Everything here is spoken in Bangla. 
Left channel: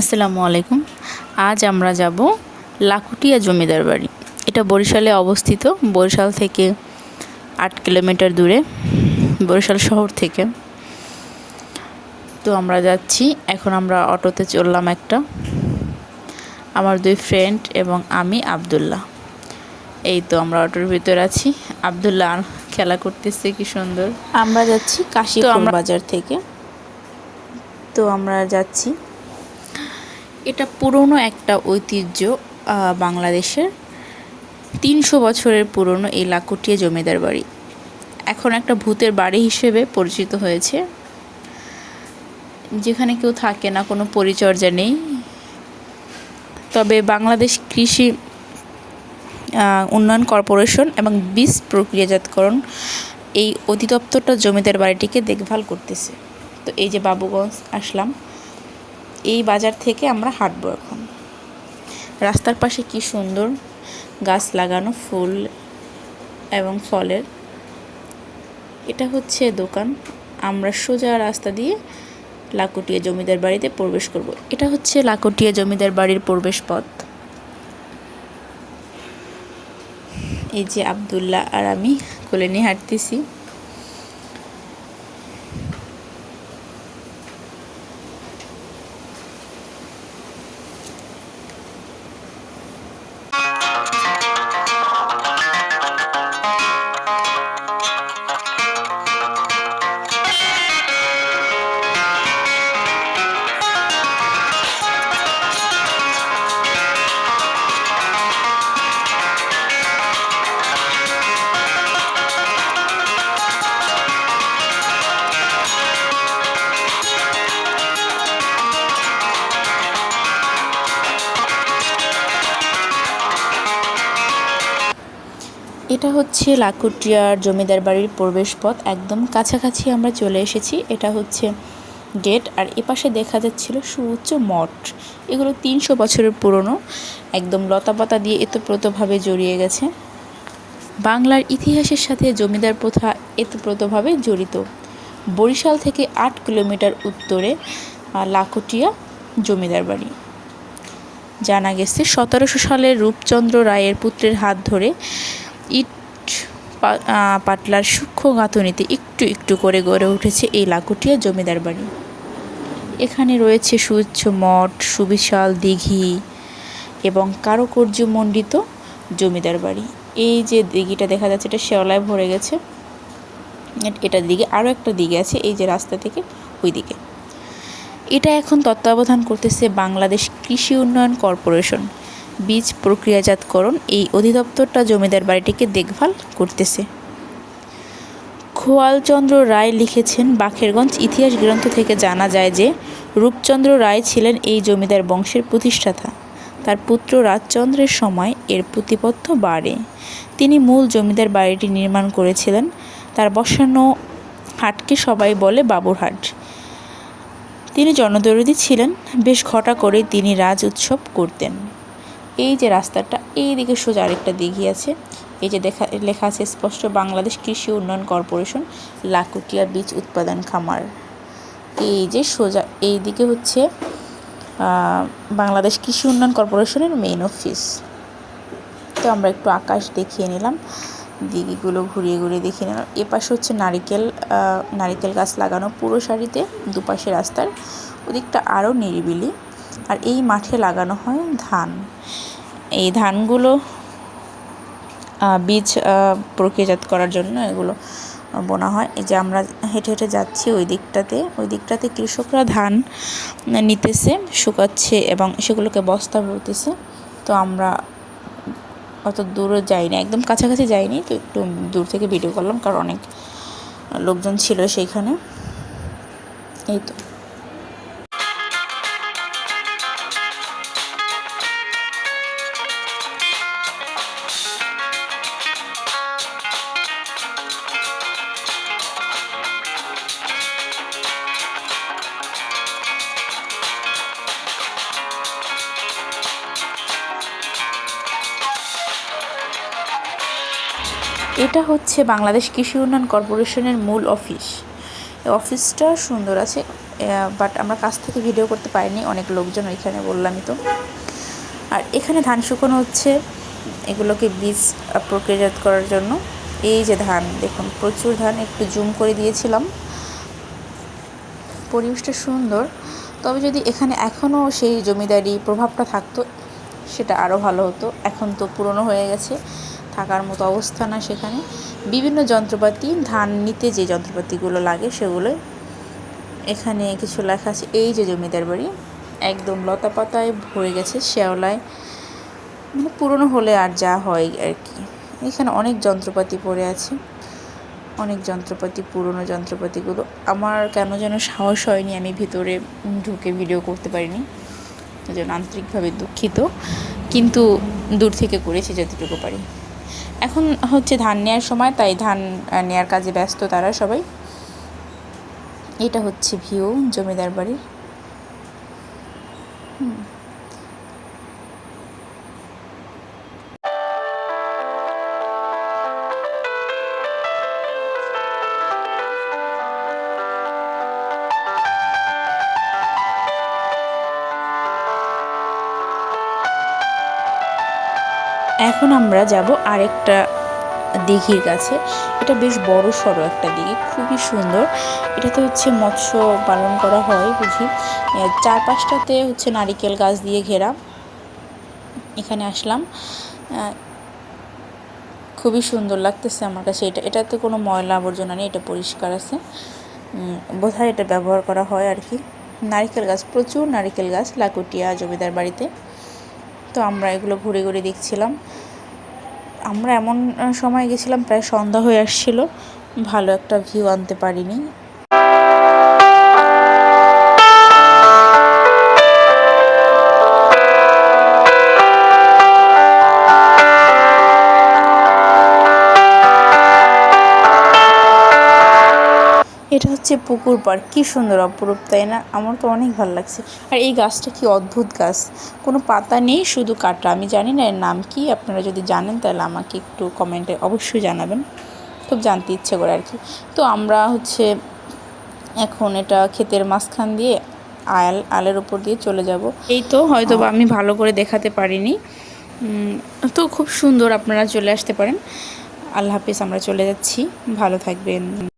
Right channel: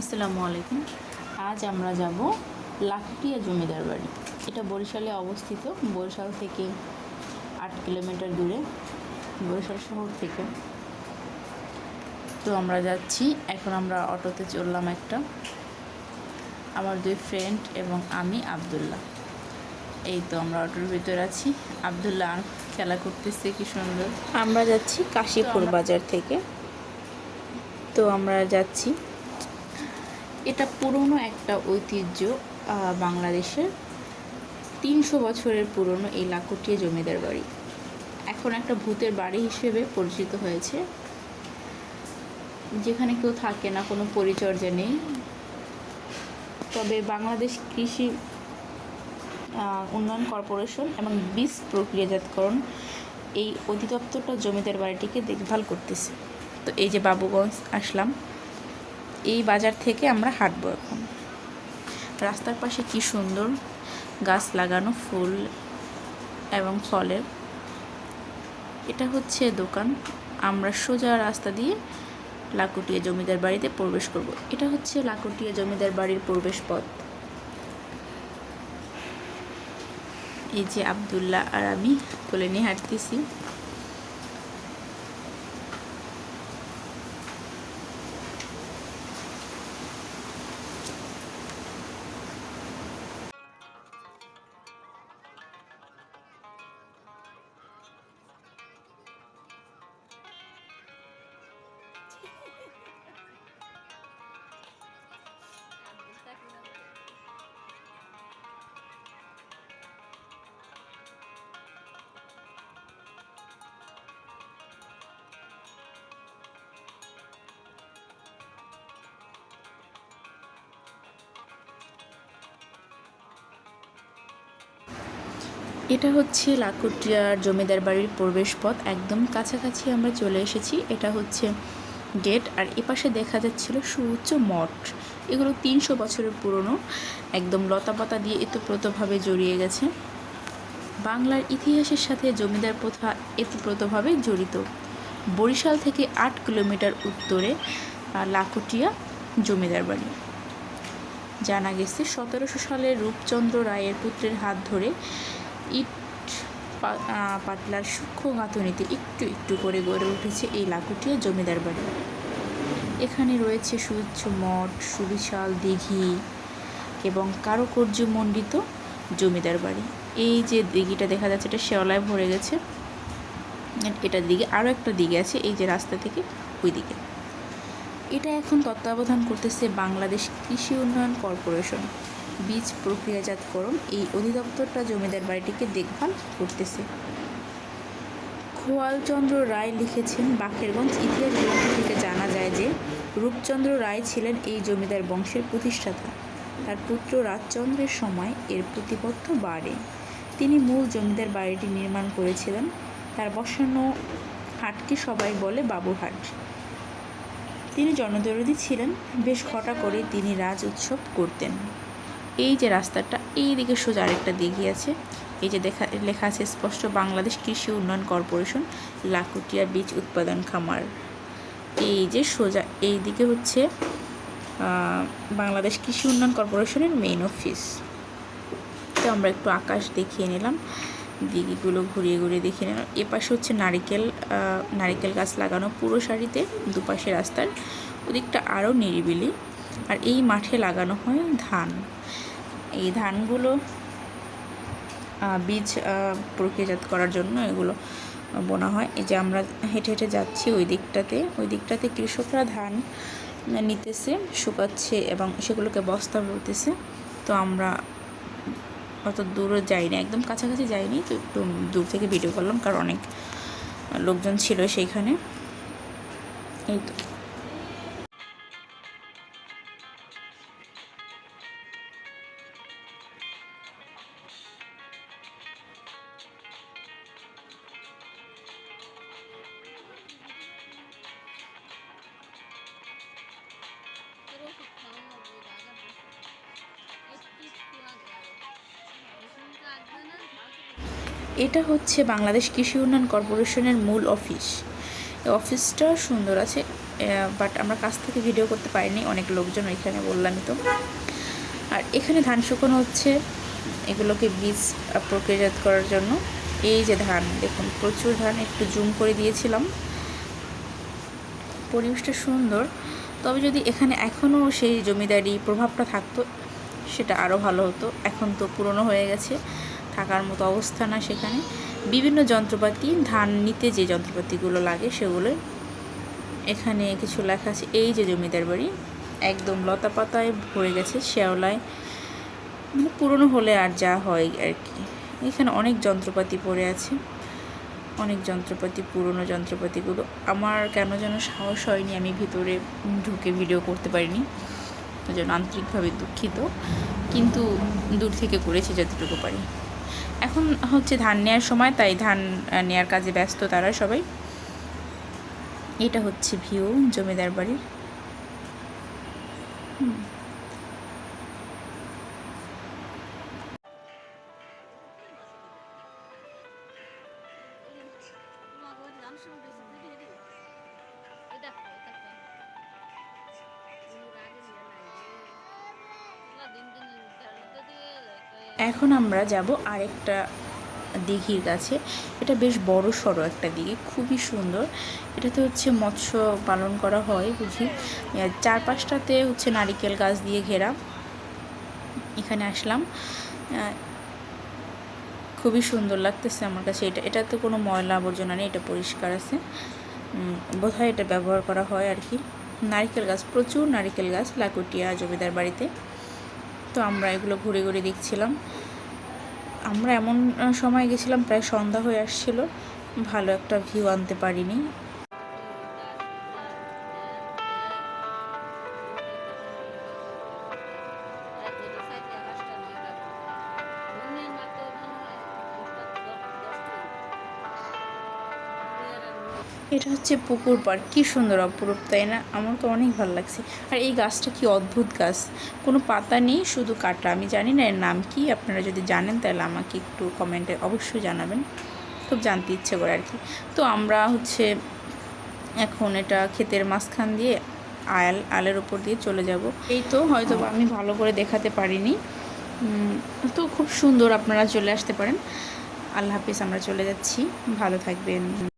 আসসালামু আলাইকুম। আজ আমরা যাব লাকুটিয়া জমিদার বাড়ি। এটা বরিশালে অবস্থিত। বরিশাল থেকে আট কিলোমিটার দূরে বরিশাল শহর থেকে। তো আমরা যাচ্ছি। এখন আমরা অটোতে চললাম একটা। আমার দুই ফ্রেন্ড এবং আমি আবদুল্লাহ। এই তো আমরা অটোর ভিতরে আছি। আবদুল্লাহ খেলা করতেছে কি সুন্দর। আমরা যাচ্ছি কাশীপুর বাজার থেকে। তো আমরা যাচ্ছি। এটা পুরনো একটা ঐতিহ্য বাংলাদেশের তিনশো বছরের পুরনো এই লাকুটিয়া জমিদার বাড়ি। এখন একটা ভূতের বাড়ি হিসেবে পরিচিত হয়েছে। যেখানে কেউ থাকে না, কোনো পরিচর্যা নেই। তবে বাংলাদেশ কৃষি উন্নয়ন কর্পোরেশন এবং বীজ প্রক্রিয়াজাতকরণ এই অধিদপ্তরটা জমিদার বাড়িটিকে দেখভাল করতেছে। তো এই যে বাবুগঞ্জ আসলাম। এই বাজার থেকে আমরা হাঁটবো এখন। রাস্তার পাশে কি সুন্দর গাছ লাগানো ফুল এবং ফলের। এটা হচ্ছে দোকান। আমরা সোজা রাস্তা দিয়ে লাকুটিয়া জমিদার বাড়িতে প্রবেশ করব। এটা হচ্ছে লাকুটিয়া জমিদার বাড়ির প্রবেশ পথ। এই যে আবদুল্লাহ আর আমি কোলে নিয়ে হাঁটতেছি। এটা হচ্ছে লাকুটিয়ার জমিদার বাড়ির প্রবেশপথ। একদম কাছাকাছি আমরা চলে এসেছি। এটা হচ্ছে গেট আর এপাশে দেখা যাচ্ছিল সুউচ্চ মঠ। এগুলো তিনশো বছরের পুরনো। একদম লতাপাতা দিয়ে এতপ্রোতভাবে জড়িয়ে গেছে। বাংলার ইতিহাসের সাথে জমিদার প্রথা এতপ্রোতভাবে জড়িত। বরিশাল থেকে আট কিলোমিটার উত্তরে লাকুটিয়া জমিদার বাড়ি। জানা গেছে, সতেরোশো সালে রূপচন্দ্র রায়ের পুত্রের হাত ধরে ইট পাটলার সূক্ষ্ম গাঁথনিতে একটু একটু করে গড়ে উঠেছে এই লাকুটিয়া জমিদার বাড়ি। এখানে রয়েছে সুউচ্চ মঠ, সুবিশাল দিঘি এবং কারুকার্যমণ্ডিত জমিদার বাড়ি। এই যে দিঘিটা দেখা যাচ্ছে এটা শেওলায় ভরে গেছে। এট- এটার দিকে আরও একটা দিকে আছে এই যে রাস্তা থেকে ওই দিকে এটা এখন তত্ত্বাবধান করতেছে বাংলাদেশ কৃষি উন্নয়ন কর্পোরেশন। বীজ প্রক্রিয়াজাতকরণ এই অধিদপ্তরটা জমিদার বাড়িটিকে দেখভাল করতেছে। খোয়ালচন্দ্র রায় লিখেছেন, বাখেরগঞ্জ ইতিহাস গ্রন্থ থেকে জানা যায় যে, রূপচন্দ্র রায় ছিলেন এই জমিদার বংশের প্রতিষ্ঠাতা। তার পুত্র রাজচন্দ্রের সময় এর প্রতিপত্ত বাড়ে। তিনি মূল জমিদার বাড়িটি নির্মাণ করেছিলেন। তার বসানো হাটকে সবাই বলে বাবুরহাট তিনি জনদরদি ছিলেন। বেশ ঘটা করে তিনি রাজ উৎসব করতেন। এই যে রাস্তাটা, এই দিকে সোজা আরেকটা দিঘি আছে। এই যে দেখা, লেখা আছে স্পষ্ট বাংলাদেশ কৃষি উন্নয়ন কর্পোরেশন, লাকুটিয়া বীজ উৎপাদন খামার। এই যে সোজা, এই দিকে হচ্ছে বাংলাদেশ কৃষি উন্নয়ন কর্পোরেশনের মেইন অফিস তো আমরা একটু আকাশ দেখিয়ে নিলাম, দিঘিগুলো ঘুরিয়ে ঘুরিয়ে দেখিয়ে নিলাম। এপাশে হচ্ছে নারিকেল নারিকেল গাছ লাগানো পুরো সারিতে দুপাশে রাস্তার, ওদিকটা আরও নিরিবিলি। আর এই মাঠে লাগানো হয় ধান। এই ধানগুলো বীজ প্রক্রিয়াজাত করার জন্য এগুলো বোনা হয়। এই যে আমরা হেঁটে হেঁটে যাচ্ছি ওই দিকটাতে ওই দিকটাতে কৃষকরা ধান নিতেছে, শুকাচ্ছে এবং সেগুলোকে বস্তা ভরতেছে তো আমরা অত দূরও যাইনি, একদম কাছাকাছি যাইনি, তো একটু দূর থেকে ভিডিও করলাম, কারণ অনেক লোকজন ছিল সেইখানে। এই তো। এটা হচ্ছে বাংলাদেশ কৃষি উন্নয়ন কর্পোরেশনের মূল অফিস। অফিসটা সুন্দর আছে বাট আমরা কাছ থেকে ভিডিও করতে পারিনি, অনেক লোকজন এখানে বললামই তো। আর এখানে ধান শুকানো হচ্ছে, এগুলোকে বীজ প্রক্রিয়াজাত করার জন্য। এই যে ধান, দেখুন, প্রচুর ধান, একটু জুম করে দিয়েছিলাম। পরিবেশটা সুন্দর, তবে যদি এখানে এখনও সেই জমিদারি প্রভাবটা থাকতো, সেটা আরও ভালো হতো। এখন তো পুরনো হয়ে গেছে থাকার মতো অবস্থা না সেখানে। বিভিন্ন যন্ত্রপাতি, ধান নিতে যে যন্ত্রপাতিগুলো লাগে সেগুলো এখানে কিছু লেখা আছে, এই যে জমিদার বাড়ি, একদম লতা পাতায় ভরে গেছে, শ্যাওলায়। মানে পুরনো হলে আর যা হয় আর কি। এখানে অনেক যন্ত্রপাতি পড়ে আছে। অনেক যন্ত্রপাতি, পুরনো যন্ত্রপাতিগুলো। আমার কেন যেন সাহস হয়নি আমি ভিতরে ঢুকে ভিডিও করতে পারিনি। জন্য আন্তরিকভাবে দুঃখিত। কিন্তু দূর থেকে করেছি যতটুকু পারি। এখন হচ্ছে ধান নেওয়ার সময়, তাই ধান নেয়ার কাজে ব্যস্ত তারা সবাই এটা হচ্ছে ভিউ, জমিদার বাড়ির হুম। এখন আমরা যাব আরেকটা দিঘির কাছে। এটা বেশ বড় সড়ো একটা দিঘি, খুবই সুন্দর। এটাতে হচ্ছে মৎস্য পালন করা হয় বুঝি। চারপাশটাতে হচ্ছে নারিকেল গাছ দিয়ে ঘেরা। এখানে আসলাম। খুবই সুন্দর লাগতেছে আমার কাছে এটা। এটাতে কোনো ময়লা আবর্জনা নেই, এটা পরিষ্কার আছে। বোধহয় এটা ব্যবহার করা হয় আর কি। নারিকেল গাছ, প্রচুর নারিকেল গাছ, লাকুটিয়া, জমিদার বাড়িতে। তো আমরা এগুলো ঘুরে ঘুরে দেখছিলাম। আমরা এমন সময় গেছিলাম, প্রায় সন্ধ্যা হয়ে আসছিল। ভালো একটা ভিউ আনতে পারিনি। হচ্ছে পুকুর পাড় কি সুন্দর অপরূপ, তাই না? আমার তো অনেক ভালো লাগছে। আর এই গাছটা কি অদ্ভুত গাছ। কোনো পাতা নেই, শুধু কাটা। আমি জানি না এর নাম কি, আপনারা যদি জানেন তাহলে আমাকে একটু কমেন্টে অবশ্যই জানাবেন। খুব জানতে ইচ্ছে করে আর কি। তো আমরা হচ্ছে এখন এটা ক্ষেতের মাঝখান দিয়ে, আয়াল, আলের উপর দিয়ে চলে যাব। এই তো হয়তো আমি ভালো করে দেখাতে পারিনি। তো খুব সুন্দর আপনারা চলে আসতে পারেন। আল্লাহ হাফিজ, আমরা চলে যাচ্ছি। ভালো থাকবেন।